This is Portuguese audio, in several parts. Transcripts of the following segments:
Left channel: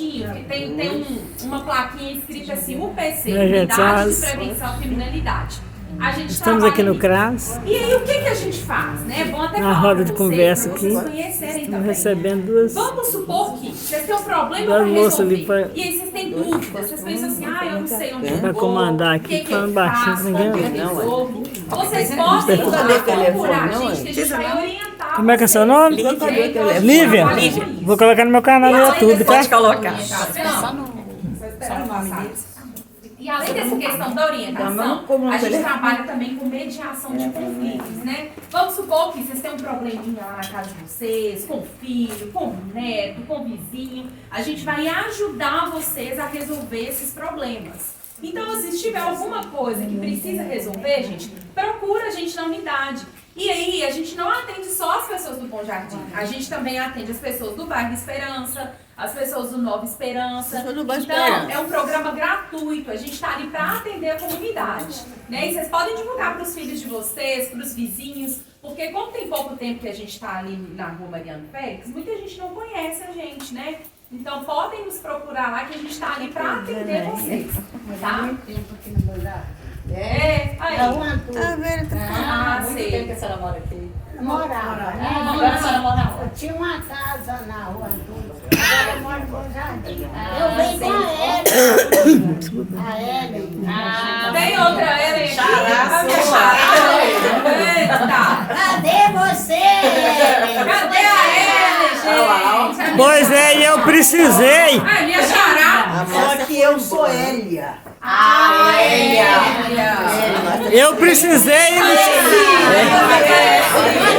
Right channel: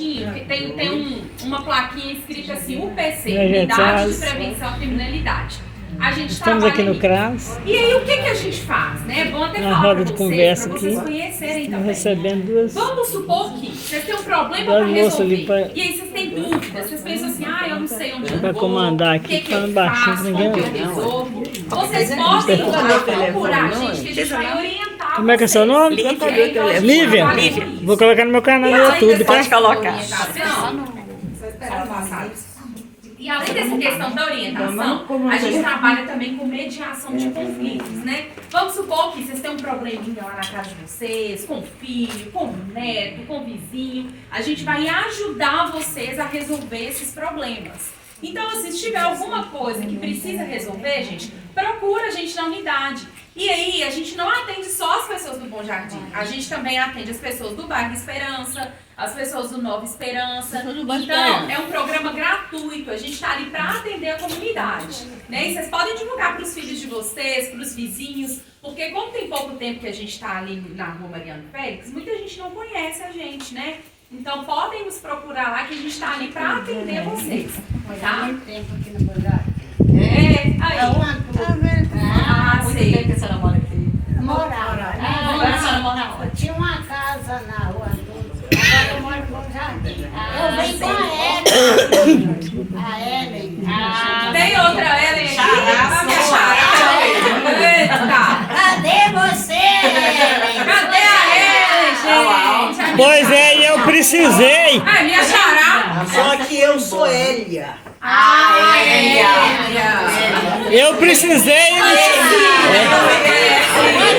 que tem uma plaquinha escrita assim, UPC, Unidade de Prevenção à Criminalidade. A gente estamos aqui no CRAS. E aí, o que a gente faz, né? Bom até na falar roda de vocês, conversa aqui. Estamos recebendo duas. Vamos supor que vocês têm um problema para resolver. E aí vocês têm dúvidas, vocês pensam assim, eu não sei onde eu vou. Vai comandar aqui, falando baixinho, que ninguém ouve. Vocês podem procurar a gente, que a gente vai orientar. Como é que é seu nome? Lívia. Vou colocar no meu canal no YouTube, tá? Pode colocar. E além dessa questão da orientação, a gente trabalha também com mediação de conflitos, né? Vamos supor que vocês têm um probleminha lá na casa de vocês, com o filho, com o neto, com o vizinho. A gente vai ajudar vocês a resolver esses problemas. Então, assim, se tiver alguma coisa que precisa resolver, gente, procura a gente na unidade. E aí, a gente não atende só as pessoas do Bom Jardim. A gente também atende as pessoas do Bairro Esperança, as pessoas do Nova Esperança. Então, é um programa gratuito. A gente está ali para atender a comunidade. Né? E vocês podem divulgar para os filhos de vocês, para os vizinhos, porque como tem pouco tempo que a gente está ali na Rua Mariano Félix, muita gente não conhece a gente, né? Então, podem nos procurar lá que a gente está ali para atender vocês. Tá? Tempo aqui no Bom Jardim. Aí. Tá vendo? Muito sei. bem que a senhora mora aqui. Morava. Agora a senhora mora onde? Tinha uma casa na rua Antônio. Agora eu moro no Bom Jardim. Eu venho com a Ellen. A Ellen. Tem outra Ellen aqui? Xará, A minha sua. xará. Eita. Cadê você, Ellen? Cadê a Ellen, gente? Pois é, e eu precisei. Ai, minha xará. Só que eu sou Hélia. Eu precisei. Mas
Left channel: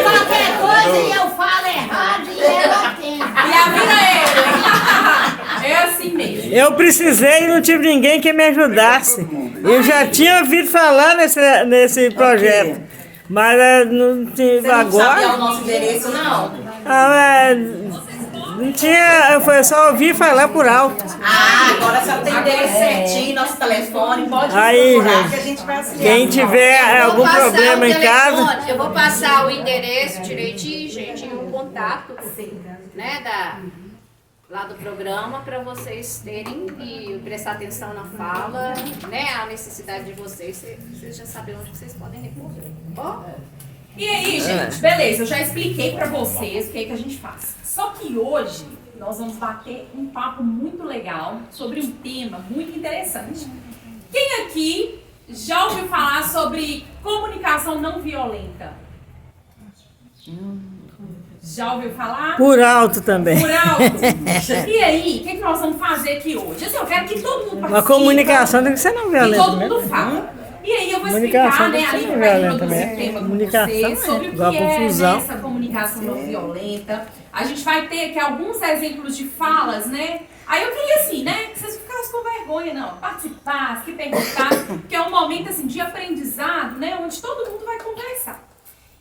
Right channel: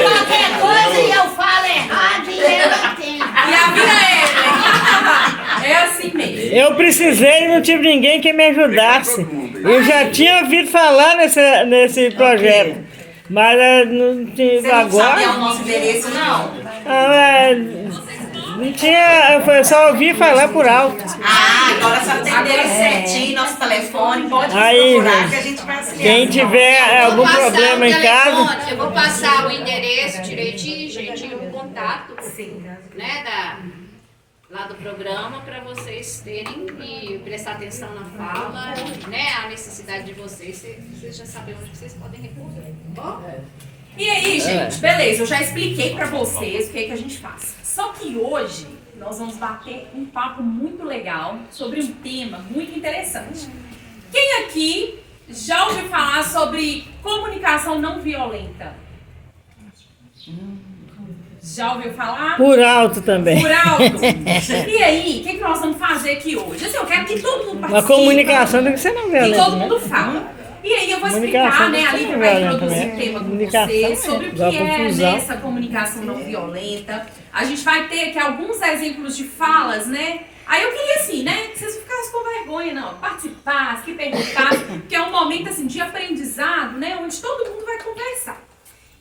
qualquer coisa eu falo errado e ela tem. E a minha Ellen. É assim mesmo. Eu precisei e não tive ninguém que me ajudasse. Eu já tinha ouvido falar nesse projeto. Mas não tinha Você não sabia o agora. nosso endereço, não? Não tinha. Eu só ouvi falar por alto. Agora a senhora tem o endereço certinho, nosso telefone, pode Aí, procurar gente, que a gente vai auxiliar. Quem tiver algum problema em casa. Eu vou passar o endereço direitinho, gente, o contato, Sim. né, lá do programa, para vocês terem e prestar atenção na fala, né, a necessidade de vocês já sabem onde vocês podem recorrer. Bom? E aí, gente, beleza, eu já expliquei pra vocês o que é que a gente faz. Só que hoje nós vamos bater um papo muito legal sobre um tema muito interessante. Quem aqui já ouviu falar sobre comunicação não violenta? Já ouviu falar? Por alto também. Por alto. E aí, o que nós vamos fazer aqui hoje? Assim, eu quero que todo mundo participe. A comunicação tem que ser não E violenta, todo né? mundo fala. E aí eu vou Comunicação explicar, né, tem que a ser Lívia não vai violenta, introduzir né? o tema com Comunicação vocês sobre o que igual é confusão. essa comunicação não violenta. A gente vai ter aqui alguns exemplos de falas, né? Aí eu queria assim, né, que vocês ficassem com vergonha, não, participassem, que perguntassem, porque é um momento assim de aprendizado, né, onde todo mundo vai conversar.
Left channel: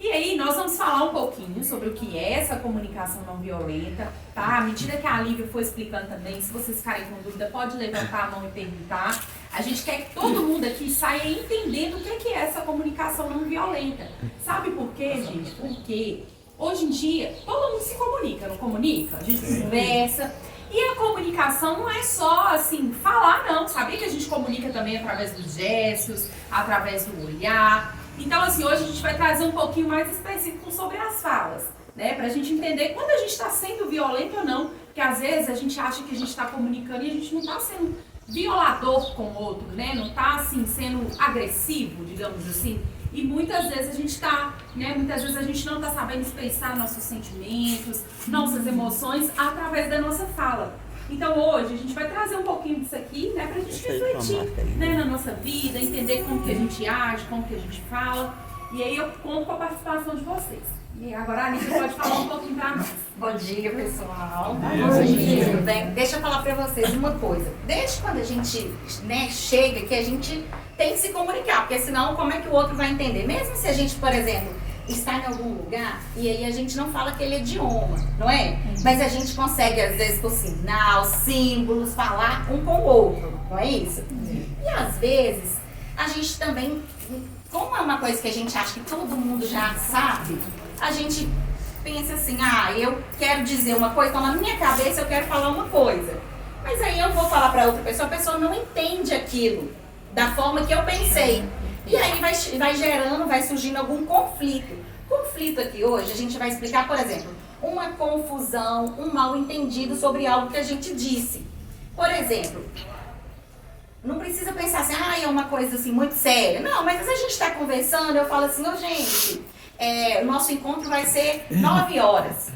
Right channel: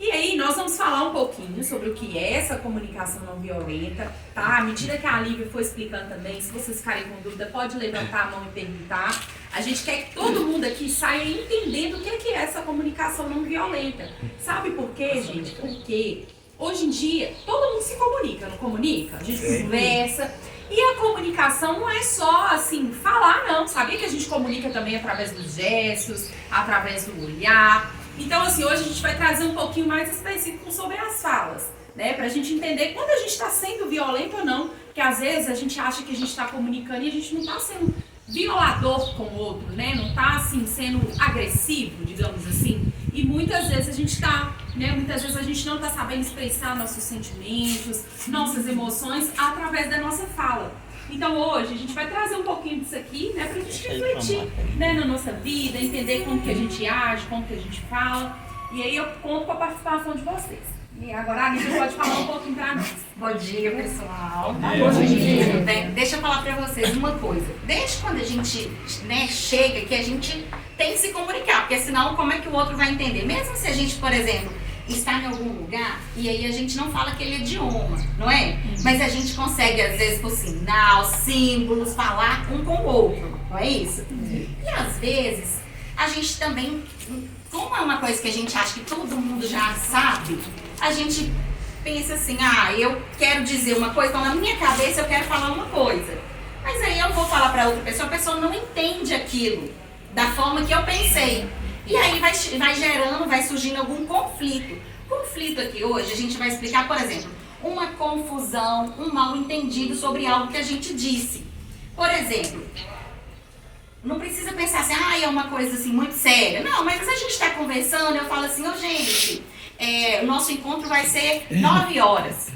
E aí, nós vamos falar um pouquinho sobre o que é essa comunicação não violenta, tá? À medida que a Lívia for explicando também, se vocês ficarem com dúvida, pode levantar a mão e perguntar. A gente quer que todo mundo aqui saia entendendo o que é essa comunicação não violenta. Sabe por quê, gente? Porque hoje em dia, todo mundo se comunica, não comunica? A gente conversa. E a comunicação não é só, assim, falar, não. Sabia que a gente comunica também através dos gestos, através do olhar. Então, assim, hoje a gente vai trazer um pouquinho mais específico sobre as falas, né? Pra gente entender quando a gente está sendo violento ou não. Porque às vezes a gente acha que a gente está comunicando e a gente não está sendo violador com o outro, né? Não está, assim, sendo agressivo, digamos assim. E muitas vezes a gente está, né? Muitas vezes a gente não está sabendo expressar nossos sentimentos, nossas emoções através da nossa fala. Então hoje a gente vai trazer um pouquinho disso aqui, né, pra gente refletir, né, na nossa vida, entender como que a gente age, como que a gente fala. E aí eu conto com a participação de vocês. E agora a Lívia pode falar um pouquinho pra nós. Bom dia, pessoal. Bom dia. Tudo bem? Deixa eu falar pra vocês uma coisa. Desde quando a gente, né, chega que a gente tem que se comunicar, porque senão como é que o outro vai entender? Mesmo se a gente, por exemplo, está em algum lugar e aí a gente não fala aquele idioma, não é? Mas a gente consegue, às vezes, por sinal, símbolos, falar um com o outro, não é isso? E às vezes, a gente também, como é uma coisa que a gente acha que todo mundo já sabe, a gente pensa assim, eu quero dizer uma coisa, então na minha cabeça eu quero falar uma coisa. Mas para outra pessoa, a pessoa não entende aquilo da forma que eu pensei. E aí vai gerando, vai surgindo algum conflito. Conflito aqui hoje, a gente vai explicar, por exemplo, uma confusão, um mal entendido sobre algo que a gente disse. Por exemplo, não precisa pensar assim, é uma coisa assim muito séria. Não, mas se a gente está conversando, eu falo assim, gente, o nosso encontro vai ser 9 horas.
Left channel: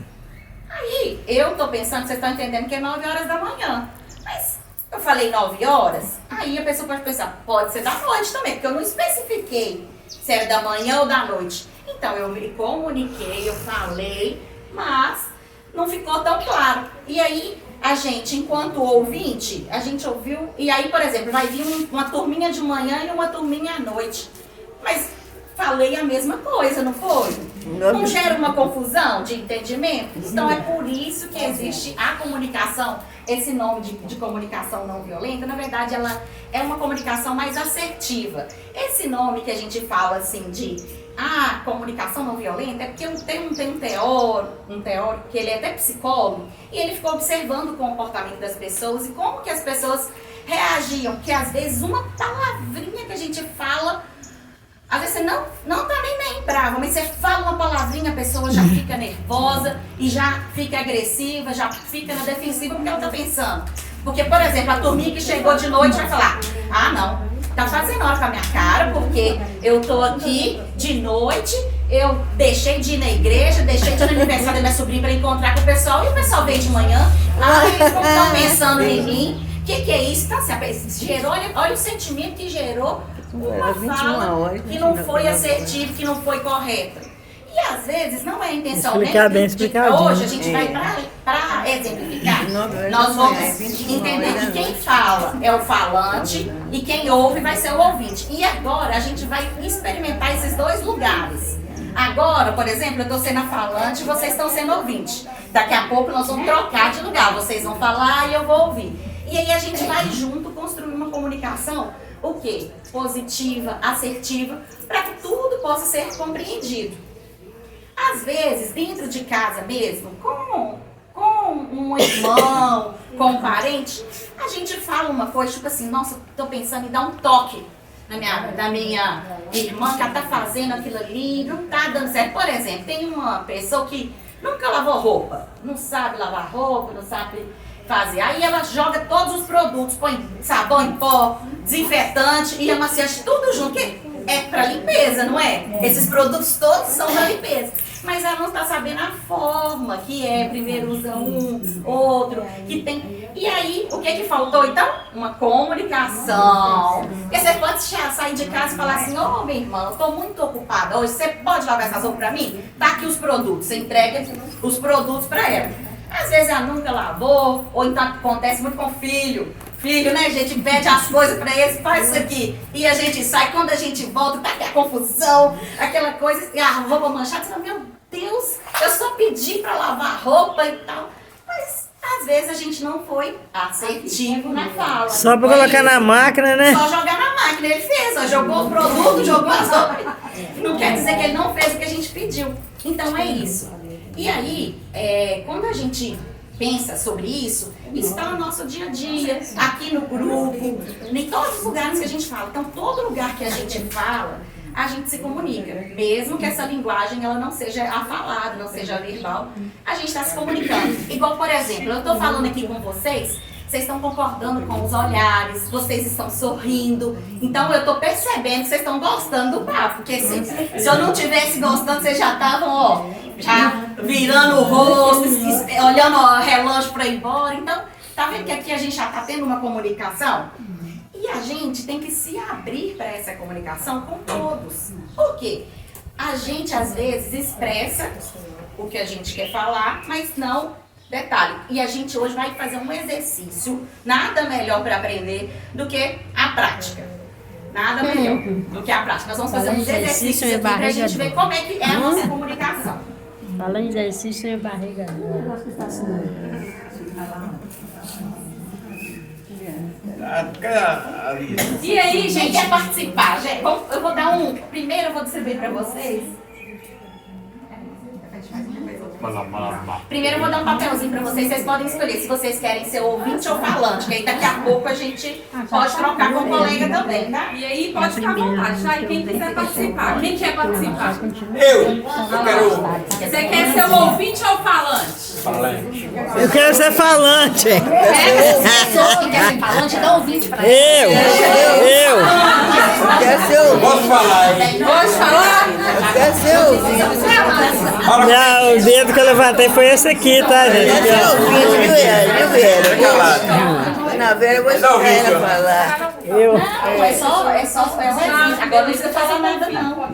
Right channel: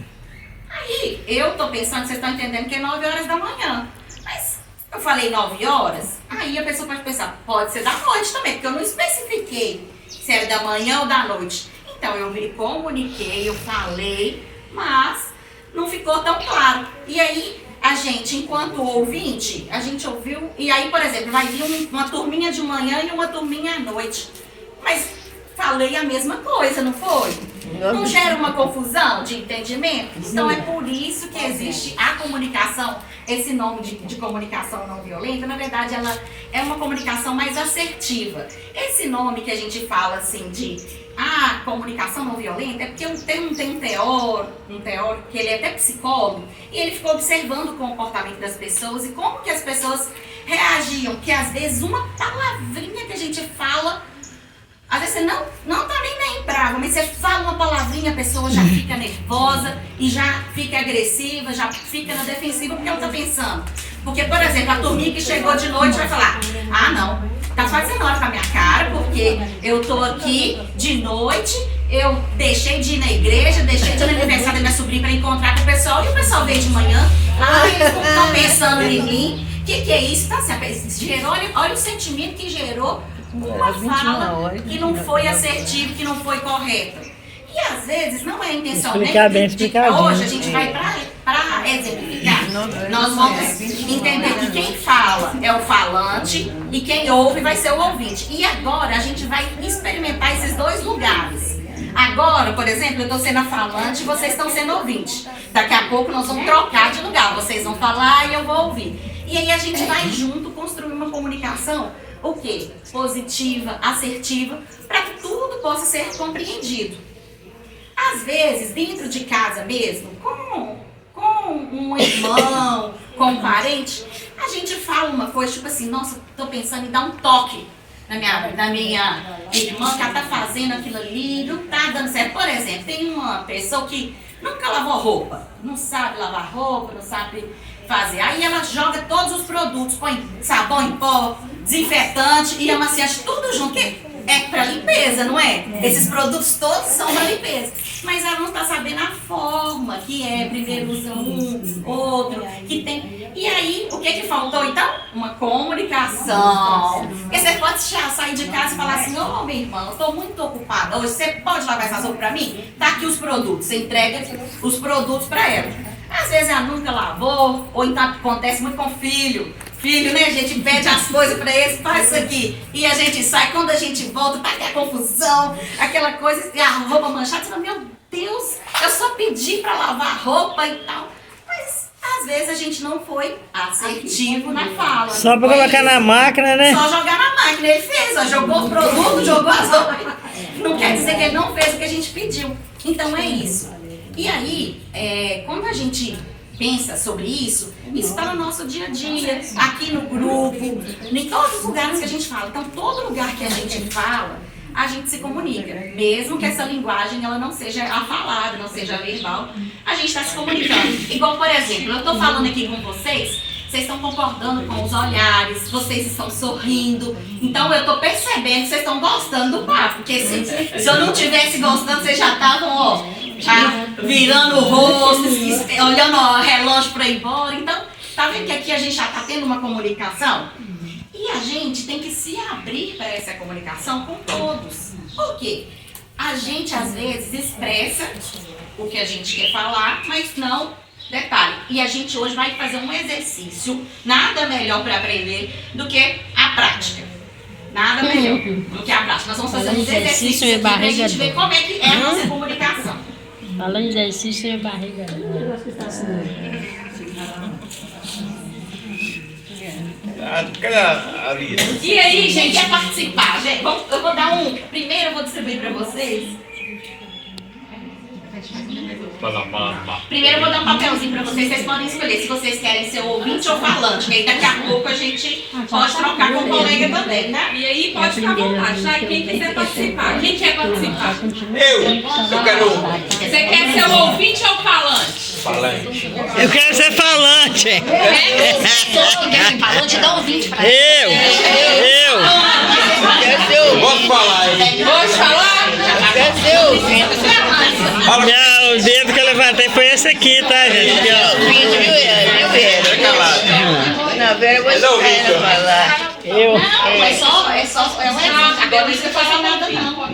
Aí, eu tô pensando, vocês estão entendendo que é 9 horas da manhã. Mas eu falei 9 horas, aí a pessoa pode pensar, pode ser da noite também, porque eu não especifiquei se era da manhã ou da noite. Então, eu me comuniquei, eu falei, mas não ficou tão claro. E aí, a gente, enquanto ouvinte, a gente ouviu, e aí, por exemplo, vai vir uma turminha de manhã e uma turminha à noite. Mas falei a mesma coisa, não foi? Não gera uma confusão de entendimento? Então é por isso que existe a comunicação, esse nome de comunicação não violenta, na verdade ela é uma comunicação mais assertiva. Esse nome que a gente fala assim de comunicação não violenta é porque tem um teórico que ele é até psicólogo, e ele ficou observando o comportamento das pessoas e como que as pessoas reagiam, que às vezes uma palavrinha que a gente fala, às vezes você não tá nem brava, mas você fala uma palavrinha, a pessoa já fica nervosa e já fica agressiva, já fica na defensiva, porque ela tá pensando. Porque, por exemplo, a turminha que chegou de noite vai falar, não, tá fazendo hora com a minha cara, porque eu tô aqui de noite, eu deixei de ir na igreja, deixei de ir no aniversário da minha sobrinha para encontrar com o pessoal, e o pessoal veio de manhã, eles não estão pensando em mim, o que é isso? Então, assim, olha o sentimento que gerou uma fala que não foi assertiva, que não foi correta. E às vezes não é a intenção explicar nem bem explicadinho. Hoje a gente vai para exemplificar. Nós vamos entender que quem fala é o falante e quem ouve vai ser o ouvinte. E agora a gente vai experimentar esses dois lugares. Agora, por exemplo, eu estou sendo a falante e vocês estão sendo ouvinte. Daqui a pouco nós vamos trocar de lugar. Vocês vão falar e eu vou ouvir. E aí a gente vai junto construir uma comunicação, o quê? Positiva, assertiva, para que tudo possa ser compreendido. Às vezes, dentro de casa mesmo, com um irmão, com um parente, a gente fala uma coisa, tipo assim, nossa, tô pensando em dar um toque na minha irmã, que ela tá fazendo aquilo ali, não tá dando certo. Por exemplo, tem uma pessoa que nunca lavou roupa, não sabe lavar roupa, não sabe fazer. Aí ela joga todos os produtos, põe sabão em pó, desinfetante e amaciante, tudo junto, que é para limpeza, não é? Esses produtos todos são para limpeza. Mas ela não está sabendo a forma que é. Primeiro usa um, outro, que tem. E aí, o que faltou então? Uma comunicação. Porque você pode sair de casa e falar assim, minha irmã, eu estou muito ocupada hoje, você pode lavar essas roupas para mim? Tá aqui os produtos, você entrega os produtos para ela. Às vezes ela nunca lavou, ou então acontece muito com filho. Filho, né? A gente pede as coisas pra eles, faz isso aqui. E a gente sai, quando a gente volta, tá aquela confusão, aquela coisa, e a roupa manchada, você fala, meu Deus, eu só pedi pra lavar roupa e tal. Mas às vezes a gente não foi assertivo na fala. Só pra colocar na máquina, né? Só jogar na máquina, ele fez, ó, jogou o produto, jogou as roupas. Não quer dizer que ele não fez o que a gente pediu. Então é isso. E aí, quando a gente pensa sobre isso está no nosso dia a dia, aqui no grupo, em todos os lugares que a gente fala. Então, todo lugar que a gente fala, a gente se comunica. Mesmo que essa linguagem ela não seja a falada, não seja a verbal, a gente está se comunicando. Igual, por exemplo, eu estou falando aqui com vocês estão concordando com os olhares, vocês estão sorrindo. Então eu estou percebendo que vocês estão gostando do papo. Porque se eu não estivesse gostando, vocês já estavam virando o rosto, olhando o relógio para ir embora. Então, tá vendo que aqui a gente já está tendo uma comunicação? E a gente tem que se abrir para essa comunicação com todos. Por quê? A gente às vezes expressa o que a gente quer falar, mas não. Detalhe, e a gente hoje vai fazer um exercício, nada melhor para aprender do que a prática. Nada melhor do que a prática. Nós vamos fazer uns exercícios aqui para a gente ver como é que é a nossa comunicação. Falando em exercício, é barriga. E aí, gente, quer participar? Gente, eu vou dar primeiro eu vou distribuir para vocês. Primeiro eu vou dar um papelzinho pra vocês podem escolher se vocês querem ser ouvinte ou falante, que aí daqui a pouco a gente pode trocar com o colega também, tá? E aí pode ficar à vontade, tá? E quem quiser participar? Quem quer participar? Eu quero. Você quer ser o ouvinte ou falante? Eu quero ser falante. Quer ser falante, dá ouvinte pra Eu. Posso falar, hein? Pode falar? O dedo que eu levantei foi esse aqui, tá, gente? Aqui, ó. Na Vera, eu vou esperar ela falar. Eu. É um exemplo. Agora não precisa falar nada, não.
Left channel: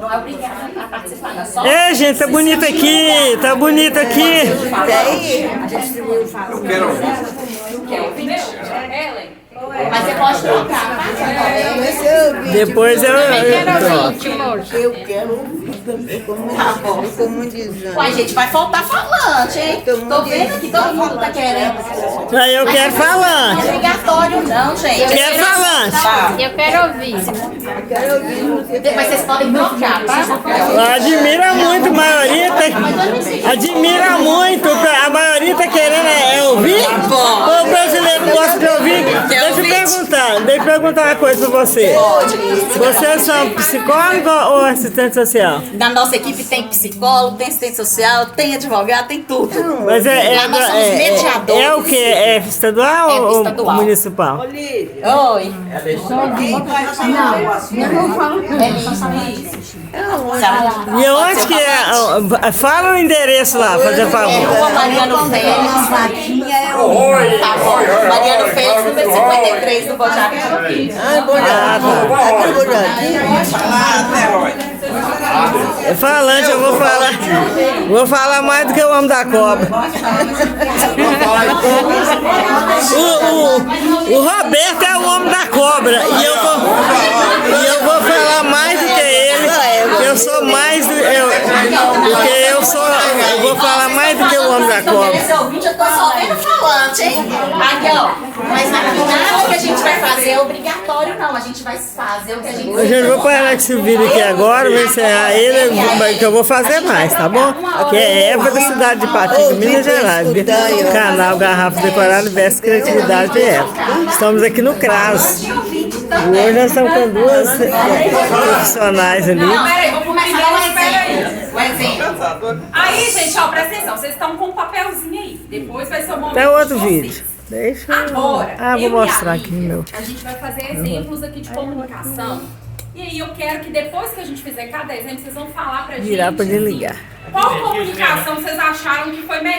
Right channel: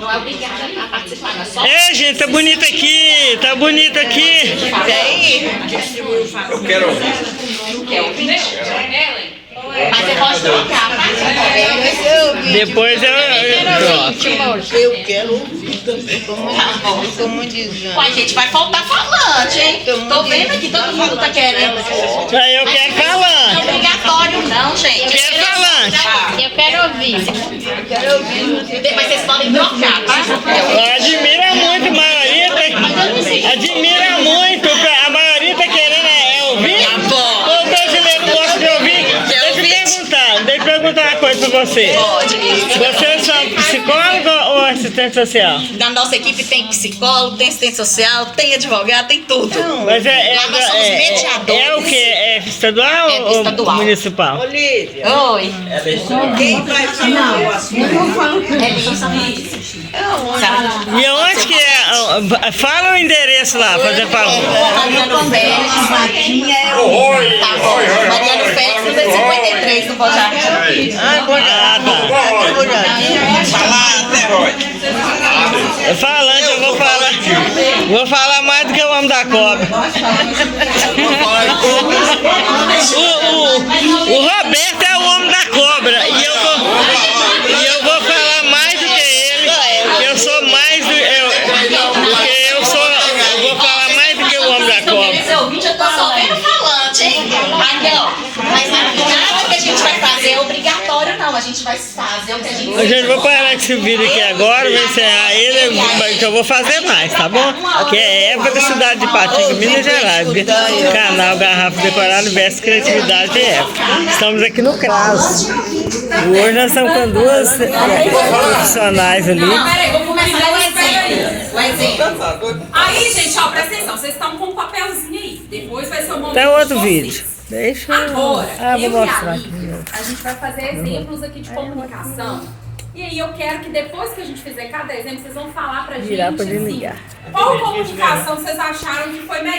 Não é obrigada a participar, é só. Ei, gente, tá bonito aqui. Tá bonito aqui. Eu quero ouvir. Quer ouvir? Ellen? Mas você pode trocar, tá? Depois eu troco. Eu quero ouvir também, como dizendo. Ué, gente, vai faltar falante, hein? Tô vendo aqui, todo mundo tá querendo. Aí eu quero Não é falante. obrigatório, não, gente. Quero falante. Eu quero ouvir. Mas vocês podem trocar, tá? Admira muito, a maioria tá, admira muito, a maioria tá querendo ouvir. O brasileiro gosta de ouvir. Deixa eu perguntar uma coisa pra você. Vocês são psicólogo ou assistente social? Na nossa equipe tem psicólogo, tem assistente social, tem advogado, tem tudo. Mas Lá nós somos mediadores. é o que? É estadual ou estadual. municipal? Oi. Quem vai falar o assunto? E onde que é? Fala o endereço lá, fazer favor. Rua Mariano Félix. Tá bom. Mariano Félix, número 53 do Bojac. Ah, tá. Falar até hoje. É falante, eu vou falar. Vou falar mais do que o homem da cobra. O Roberto é o homem da cobra. E eu vou falar mais do que ele. Eu sou mais do. Eu vou falar mais do que o homem da cobra. Esse ouvinte, eu tô só vendo falante, hein? Aqui, ó. Mas nada que a gente vai fazer é obrigatório, não. A gente vai fazer o que a gente A gente vou parar com esse vídeo aqui agora, vou encerrar ele, que eu vou fazer mais, tá bom? Que é Eva da cidade de Patinga, Minas Gerais. Canal Garrafa Decorada Veste Criatividade de Eva. Estamos aqui no CRAS. Hoje nós estamos com duas profissionais ali. Não, peraí, vou começar o exemplo. O exemplo. Aí, gente, ó, presta atenção. Vocês estão com um papelzinho aí. Depois vai ser o momento Tem outro de vocês. vídeo. Deixa eu... Agora, Ah, vou eu e mostrar a aqui no Lívia, meu. a gente vai fazer exemplos aqui de comunicação. E aí eu quero que depois que a gente fizer cada exemplo, vocês vão falar pra gente. Virar pra ele assim, ligar. Qual comunicação vocês acharam que foi melhor?